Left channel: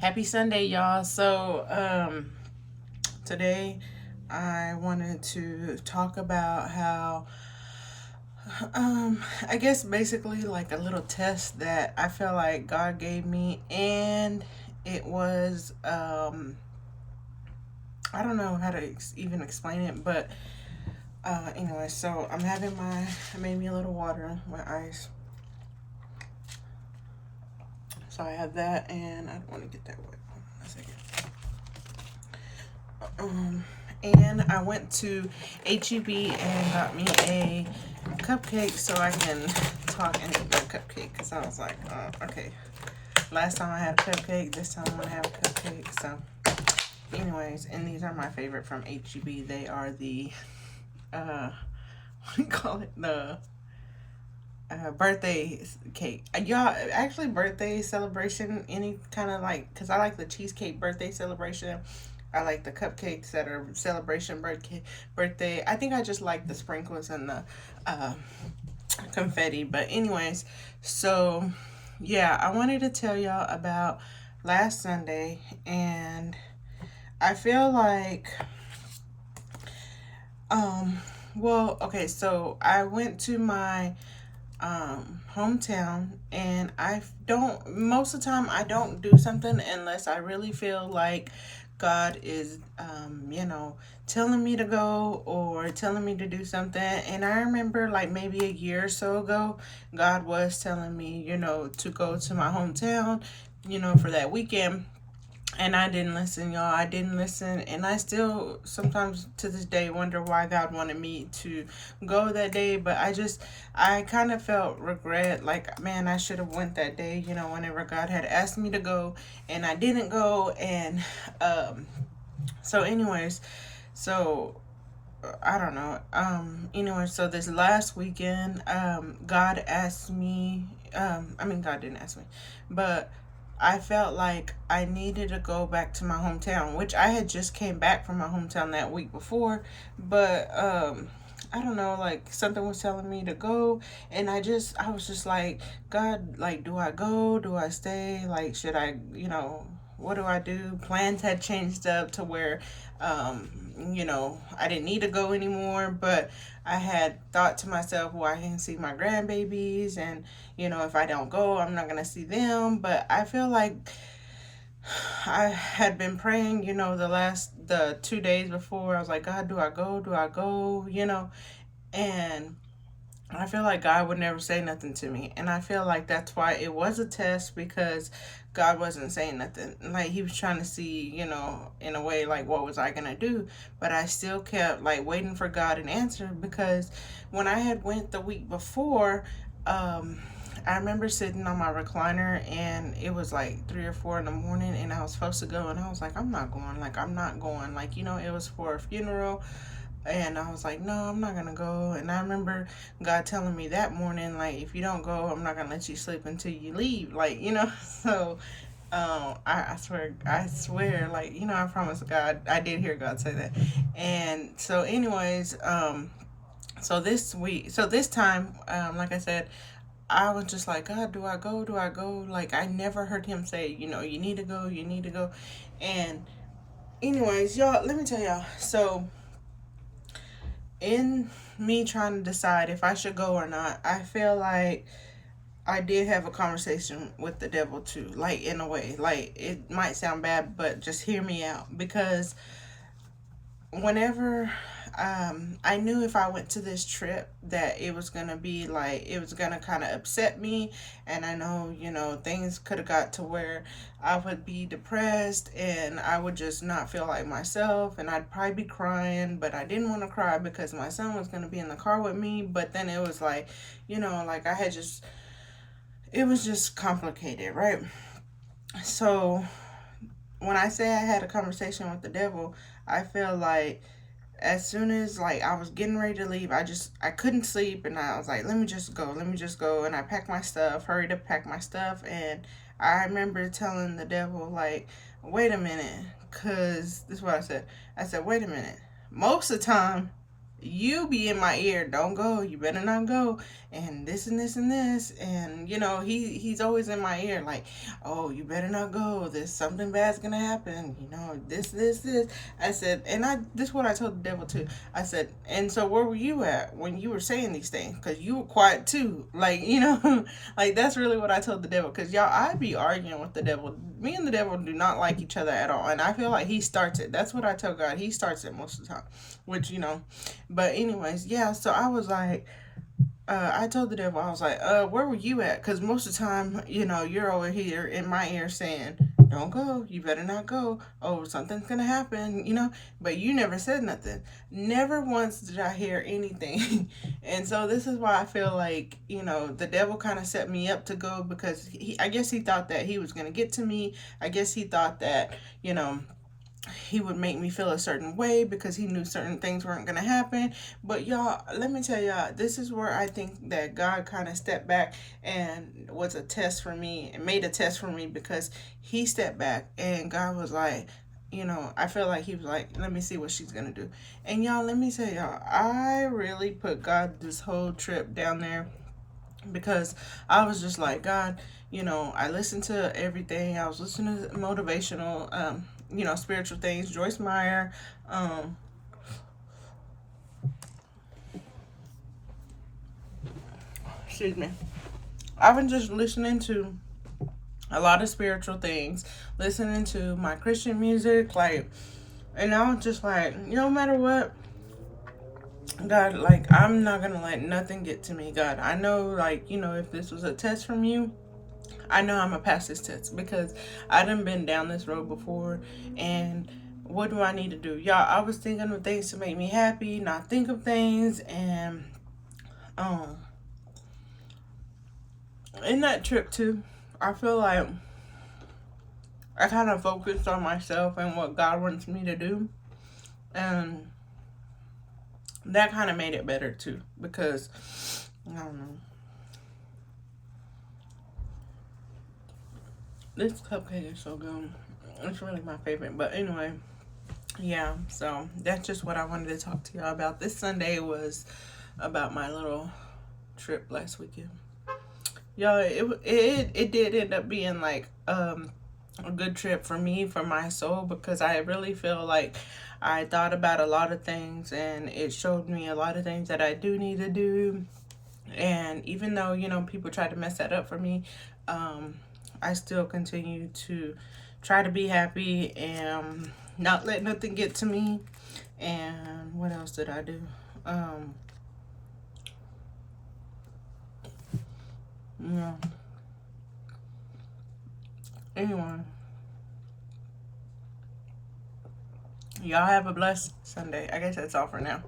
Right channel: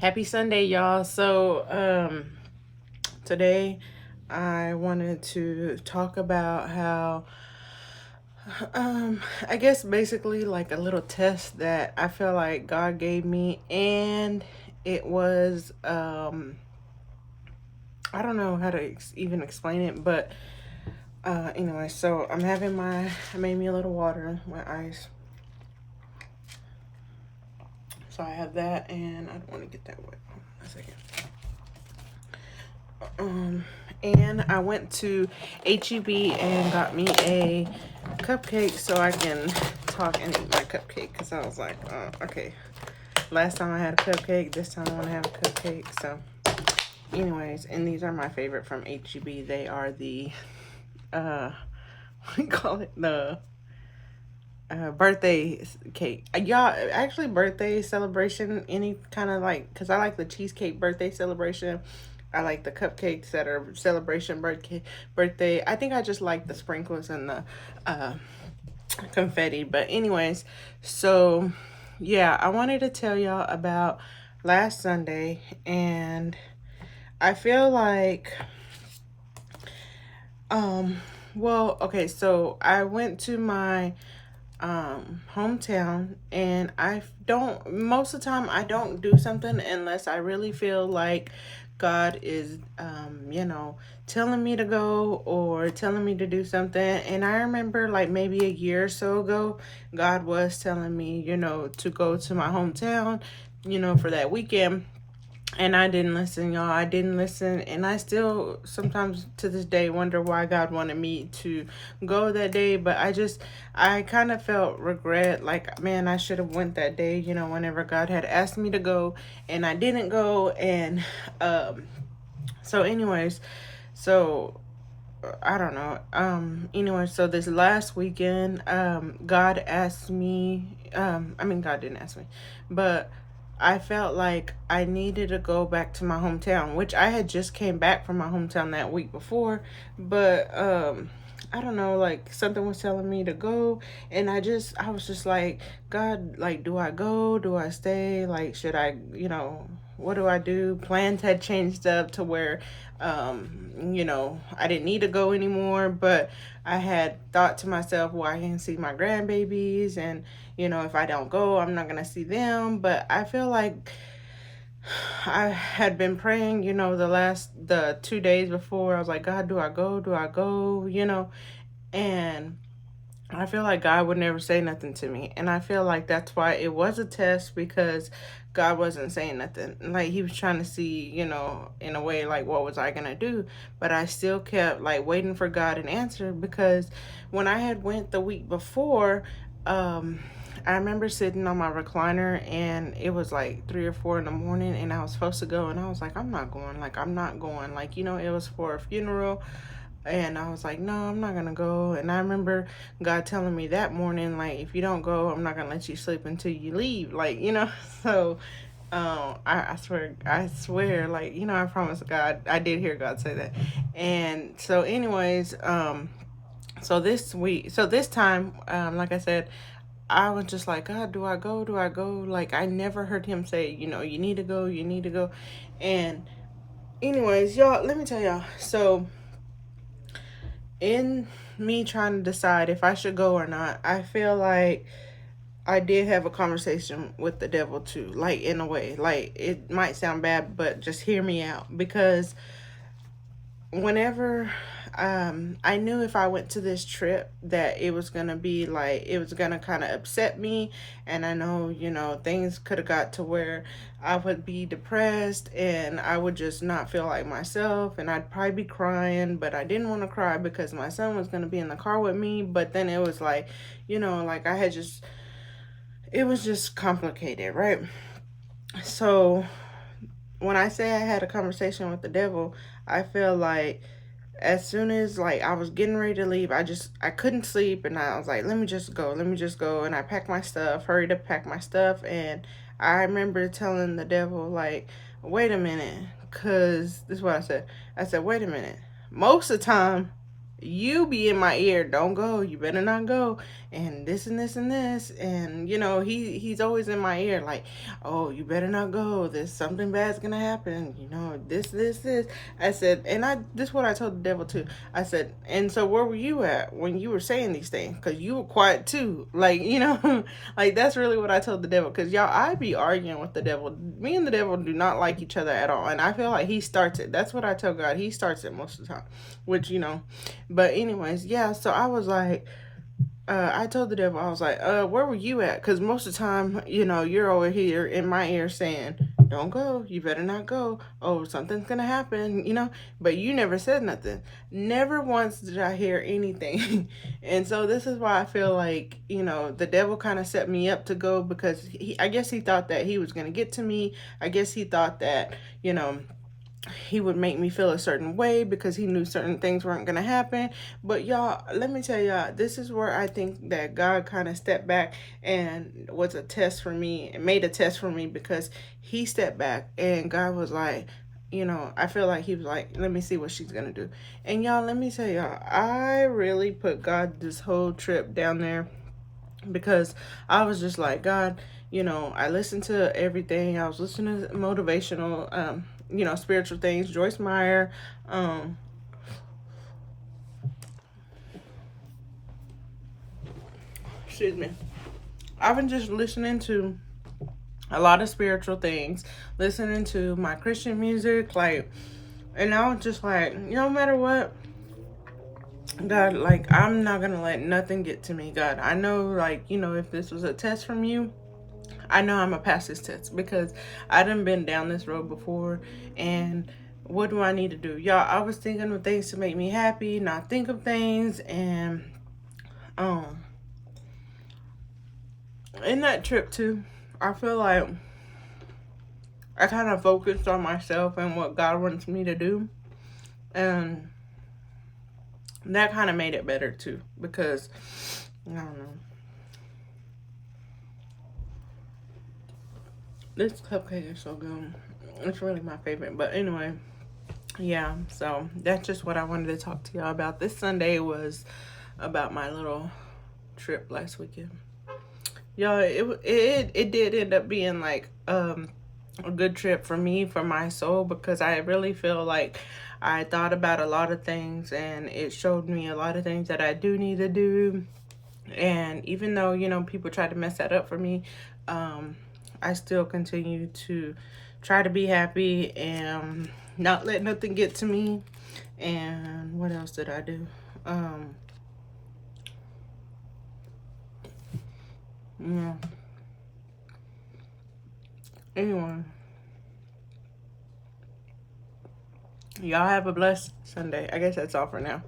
Happy Sunday, y'all. Today I wanted to talk about how, I guess basically like a little test that I feel like God gave me, and it was, I don't know how to even explain it, but anyway, so I made me a little water, my ice. So I have that, and I don't want to get that wet. Hold on a second. Um, and I went to HEB and got me a cupcake so I can talk and eat my cupcake. Because I was like, okay, last time I had a cupcake, this time I want to have a cupcake. So, anyways, and these are my favorite from HEB. They are the, uh, what do you call it? The birthday cake. Y'all, actually, birthday celebration, any kind of like, because I like the cheesecake birthday celebration. I like the cupcakes that are celebration birthday. I think I just like the sprinkles and the uh, confetti. But anyways, so yeah, I wanted to tell y'all about last Sunday, and I feel like um well, okay, so I went to my hometown, and I don't, most of the time I don't do something unless I really feel like God is telling me to go or telling me to do something. And I remember like maybe a year or so ago, God was telling me, to go to my hometown, for that weekend, and I didn't listen, y'all. I didn't listen. And I still sometimes to this day wonder why God wanted me to go that day. But I kind of felt regret. Like, man, I should have went that day, whenever God had asked me to go. And I didn't go. And so, anyways, so I don't know. Anyway, so this last weekend, God asked me, I mean, God didn't ask me, but I felt like I needed to go back to my hometown, which I had just came back from my hometown that week before, but, I don't know, like something was telling me to go, and I was just like, God, like, do I go? Do I stay? Like, should I, what do I do? Plans had changed up to where I didn't need to go anymore, but I had thought to myself, well, I can see my grandbabies, and if I don't go, I'm not gonna see them. But I feel like I had been praying, the 2 days before. I was like, God, do I go? Do I go? And I feel like God would never say nothing to me. And I feel like that's why it was a test, because God wasn't saying nothing. Like, he was trying to see, in a way, like, what was I going to do? But I still kept, like, waiting for God an answer, because when I had went the week before, I remember sitting on my recliner, and it was like 3 or 4 in the morning, and I was supposed to go, and I was like, I'm not going. Like, I'm not going. Like, it was for a funeral, and I was like, no, I'm not gonna go. And I remember God telling me that morning, like, if you don't go, I'm not gonna let you sleep until you leave. Like, So, I swear, like, I promise God, I did hear God say that. And so, anyways, so this time, like I said, I was just like, God, do I go? Do I go? Like, I never heard him say, you need to go, you need to go. And anyways, y'all, let me tell y'all. So in me trying to decide if I should go or not, I feel like I did have a conversation with the devil too, like, in a way. Like, it might sound bad, but just hear me out, because whenever I knew if I went to this trip that it was gonna be like, it was gonna kind of upset me, and I know, things could have got to where I would be depressed, and I would just not feel like myself, and I'd probably be crying. But I didn't want to cry because my son was gonna be in the car with me. But then it was like, like, it was just complicated, right? So when I say I had a conversation with the devil, I feel like as soon as, like, I was getting ready to leave, I couldn't sleep, and I was like, let me just go. And I packed my stuff, hurried to pack my stuff. And I remember telling the devil, like, wait a minute, because this is what I said, wait a minute, most of the time you be in my ear, don't go, you better not go. and this and this and this, and he's always in my ear like, oh, you better not go, there's something bad's gonna happen, this. I said, and this is what I told the devil too. I said, and so where were you at when you were saying these things? Because you were quiet too, like, like that's really what I told the devil. Because y'all, I be arguing with the devil. Me and the devil do not like each other at all, and I feel like he starts it. That's what I tell God, he starts it most of the time, which but anyways, yeah, so I was like, I told the devil, I was like, where were you at? Because most of the time, you're over here in my ear saying, don't go, you better not go. Oh, something's going to happen, but you never said nothing. Never once did I hear anything. And so this is why I feel like, the devil kind of set me up to go, because I guess he thought that he was going to get to me. I guess he thought that, he would make me feel a certain way because he knew certain things weren't going to happen. But y'all, let me tell y'all, this is where I think that God kind of stepped back and was a test for me, and made a test for me, because he stepped back and God was like, I feel like he was like, let me see what she's going to do. And y'all, let me tell y'all, I really put God this whole trip down there, because I was just like, God, I listened to everything. I was listening to motivational, spiritual things, Joyce Meyer, excuse me. I've been just listening to a lot of spiritual things, listening to my Christian music, like, and I was just like, no matter what, God, like, I'm not gonna let nothing get to me, God. I know, like, if this was a test from you, I know I'm gonna pass this test, because I done been down this road before. And what do I need to do? Y'all, I was thinking of things to make me happy, not think of things. And um in that trip too, I feel like I kind of focused on myself and what God wants me to do. And that kind of made it better too, because I don't know, this cupcake is so good. It's really my favorite. But anyway, yeah, so that's just what I wanted to talk to y'all about. This Sunday was about my little trip last weekend. Y'all, it did end up being like a good trip for me, for my soul, because I really feel like I thought about a lot of things, and it showed me a lot of things that I do need to do. And even though, people tried to mess that up for me, I still continue to try to be happy and not let nothing get to me. And what else did I do? Yeah. Anyway, y'all have a blessed Sunday. I guess that's all for now.